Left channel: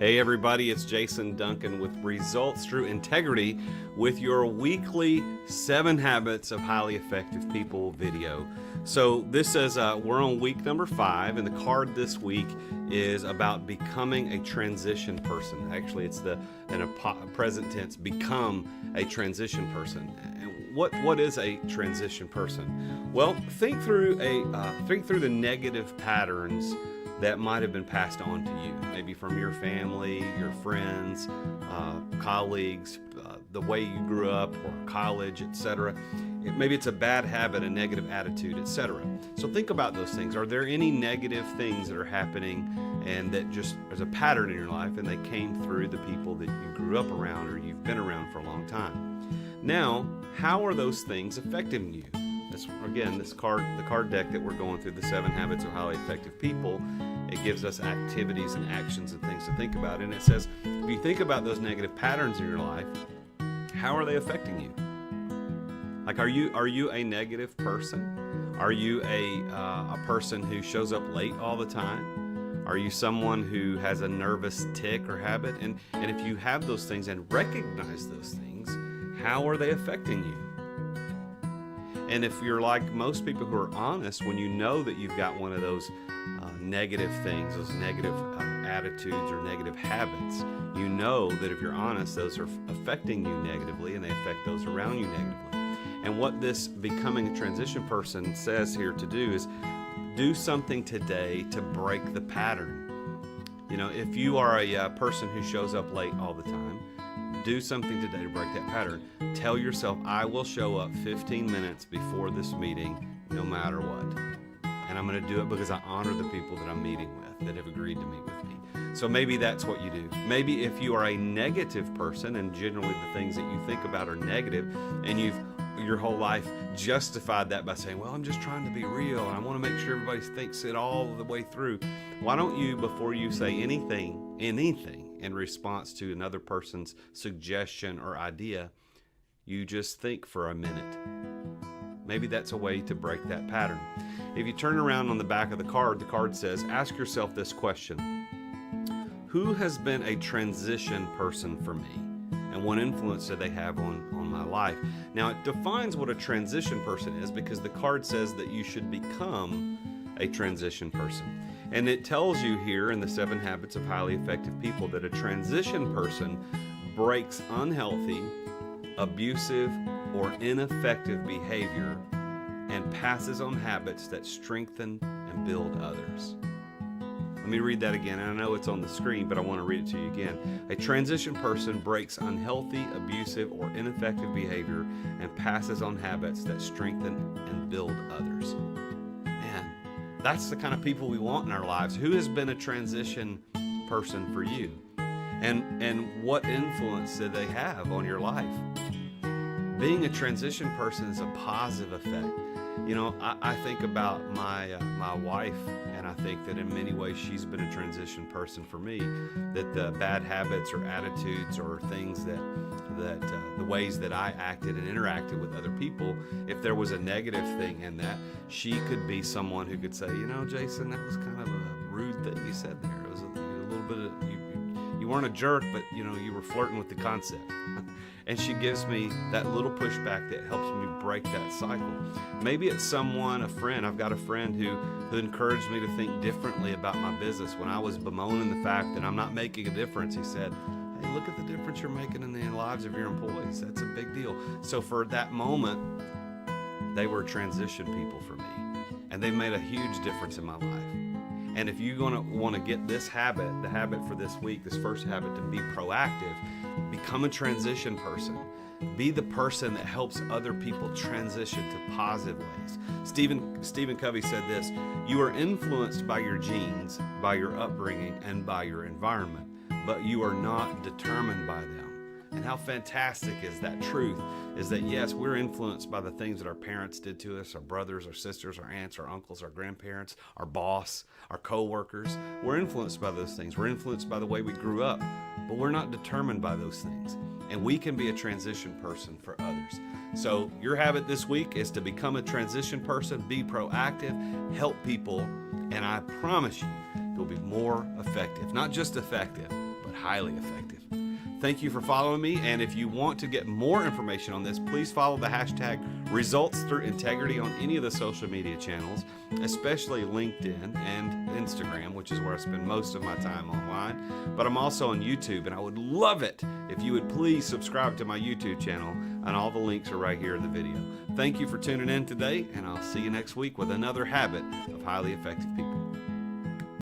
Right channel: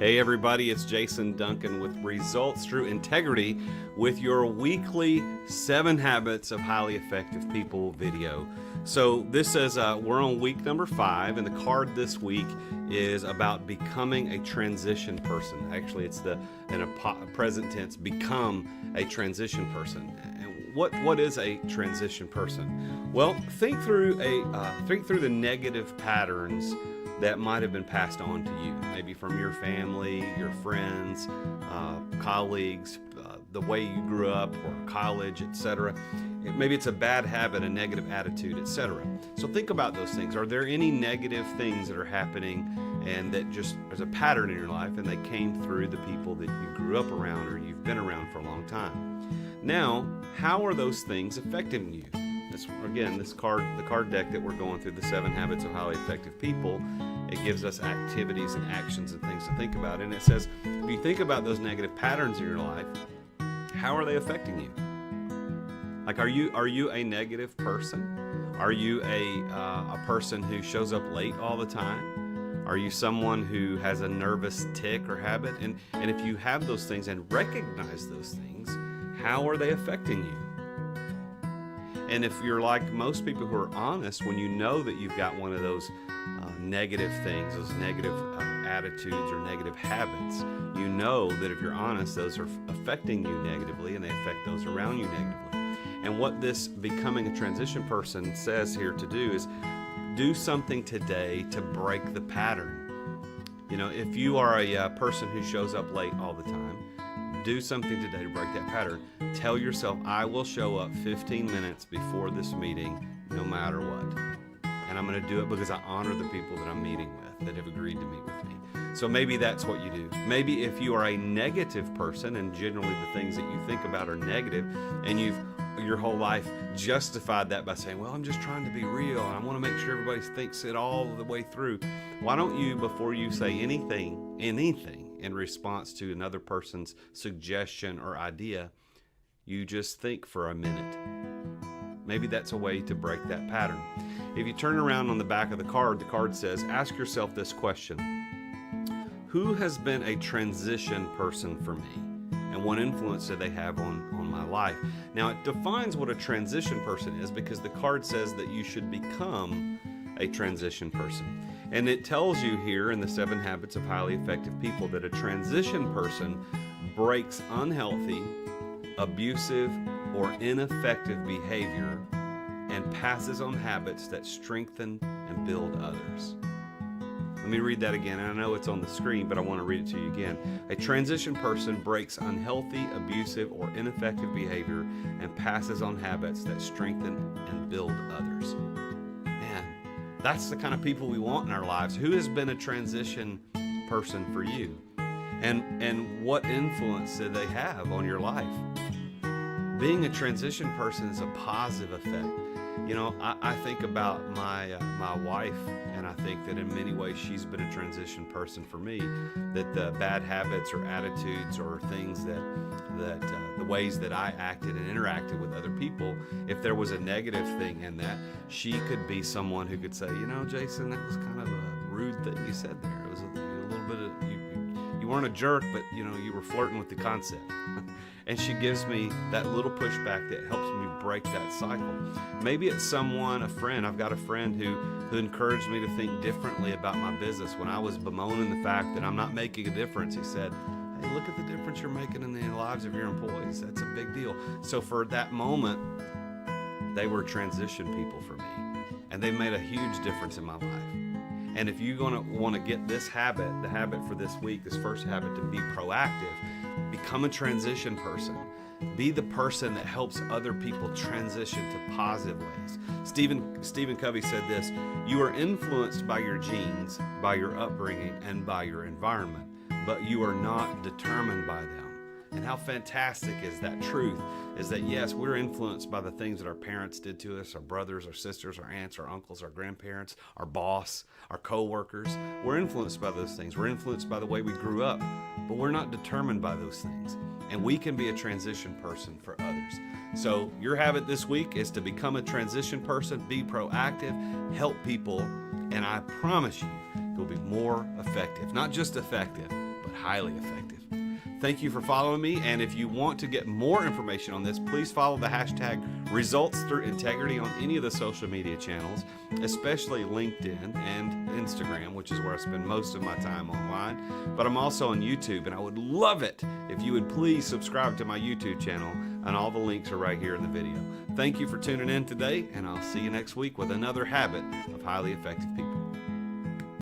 Hey everybody, it's Jason Duncan with Results Through Integrity with your weekly 7 Habits of Highly Effective People video. So this is, we're on week number 5, and the card this week is about becoming a transition person. Actually, it's in a present tense, become a transition person. And what is a transition person? Well, think through the negative patterns that might have been passed on to you, maybe from your family, your friends, colleagues, the way you grew up, or college, etc. Maybe it's a bad habit, a negative attitude, etc. So think about those things. Are there any negative things that are happening and that just there's a pattern in your life and they came through the people that you grew up around or you've been around for a long time? Now, how are those things affecting you? Again, the card deck that we're going through, the 7 Habits of Highly Effective People, it gives us activities and actions and things to think about. And it says, if you think about those negative patterns in your life, how are they affecting you? Like, are you a negative person? Are you a person who shows up late all the time? Are you someone who has a nervous tic or habit? And if you have those things and recognize those things, how are they affecting you? And if you're like most people who are honest, when you know that you've got one of those negative things, those negative attitudes or negative habits, you know that if you're honest, those are affecting you negatively and they affect those around you negatively. And what this becoming a transition person says here to do is do something today to break the pattern. You know, if you are a person who shows up late all the time, do something today to break that pattern. Tell yourself, I will show up 15 minutes before this meeting no matter what. And I'm going to do it because I honor the people that I'm meeting with that have agreed to meet with me. So maybe that's what you do. Maybe if you are a negative person and generally the things that you think about are negative and you've your whole life justified that by saying, well, I'm just trying to be real and I want to make sure everybody thinks it all the way through. Why don't you, before you say anything in response to another person's suggestion or idea, you just think for a minute. Maybe that's a way to break that pattern. If you turn around on the back of the card says, ask yourself this question: who has been a transition person for me? And what influence do they have on my life? Now, it defines what a transition person is because the card says that you should become a transition person. And it tells you here in the 7 Habits of Highly Effective People that a transition person breaks unhealthy, abusive, or ineffective behavior and passes on habits that strengthen and build others. Let me read that again, and I know it's on the screen, but I want to read it to you again. A transition person breaks unhealthy, abusive, or ineffective behavior and passes on habits that strengthen and build others. Man, that's the kind of people we want in our lives. Who has been a transition person for you? And what influence do they have on your life? Being a transition person is a positive effect. You know, I think about my wife, and I think that in many ways she's been a transition person for me. That the bad habits or attitudes or things that the ways that I acted and interacted with other people, if there was a negative thing in that, she could be someone who could say, you know, Jason, that was kind of a rude thing you said there. It was a little bit of, you weren't a jerk, but you know, you were flirting with the concept. And she gives me that little pushback that helps me break that cycle. Maybe it's someone, a friend. I've got a friend who encouraged me to think differently about my business. When I was bemoaning the fact that I'm not making a difference, he said, hey, look at the difference you're making in the lives of your employees. That's a big deal. So for that moment, they were transition people for me. And they've made a huge difference in my life. And if you're going to want to get this habit, the habit for this week, this first habit, to be proactive, become a transition person. Be the person that helps other people transition to positive ways. Stephen Covey said this: you are influenced by your genes, by your upbringing, and by your environment, but you are not determined by them. And how fantastic is that truth, is that yes, we're influenced by the things that our parents did to us, our brothers, our sisters, our aunts, our uncles, our grandparents, our boss, our co-workers. We're influenced by those things. We're influenced by the way we grew up, but we're not determined by those things. And we can be a transition person for others. So your habit this week is to become a transition person, be proactive, help people, and I promise you, you'll be more effective. Not just effective, but highly effective. Thank you for following me, and if you want to get more information on this, please follow the hashtag Results Through Integrity on any of the social media channels, especially LinkedIn and Instagram, which is where I spend most of my time online. But I'm also on YouTube, and I would love it if you would please subscribe to my YouTube channel, and all the links are right here in the video. Thank you for tuning in today, and I'll see you next week with another habit of highly effective people.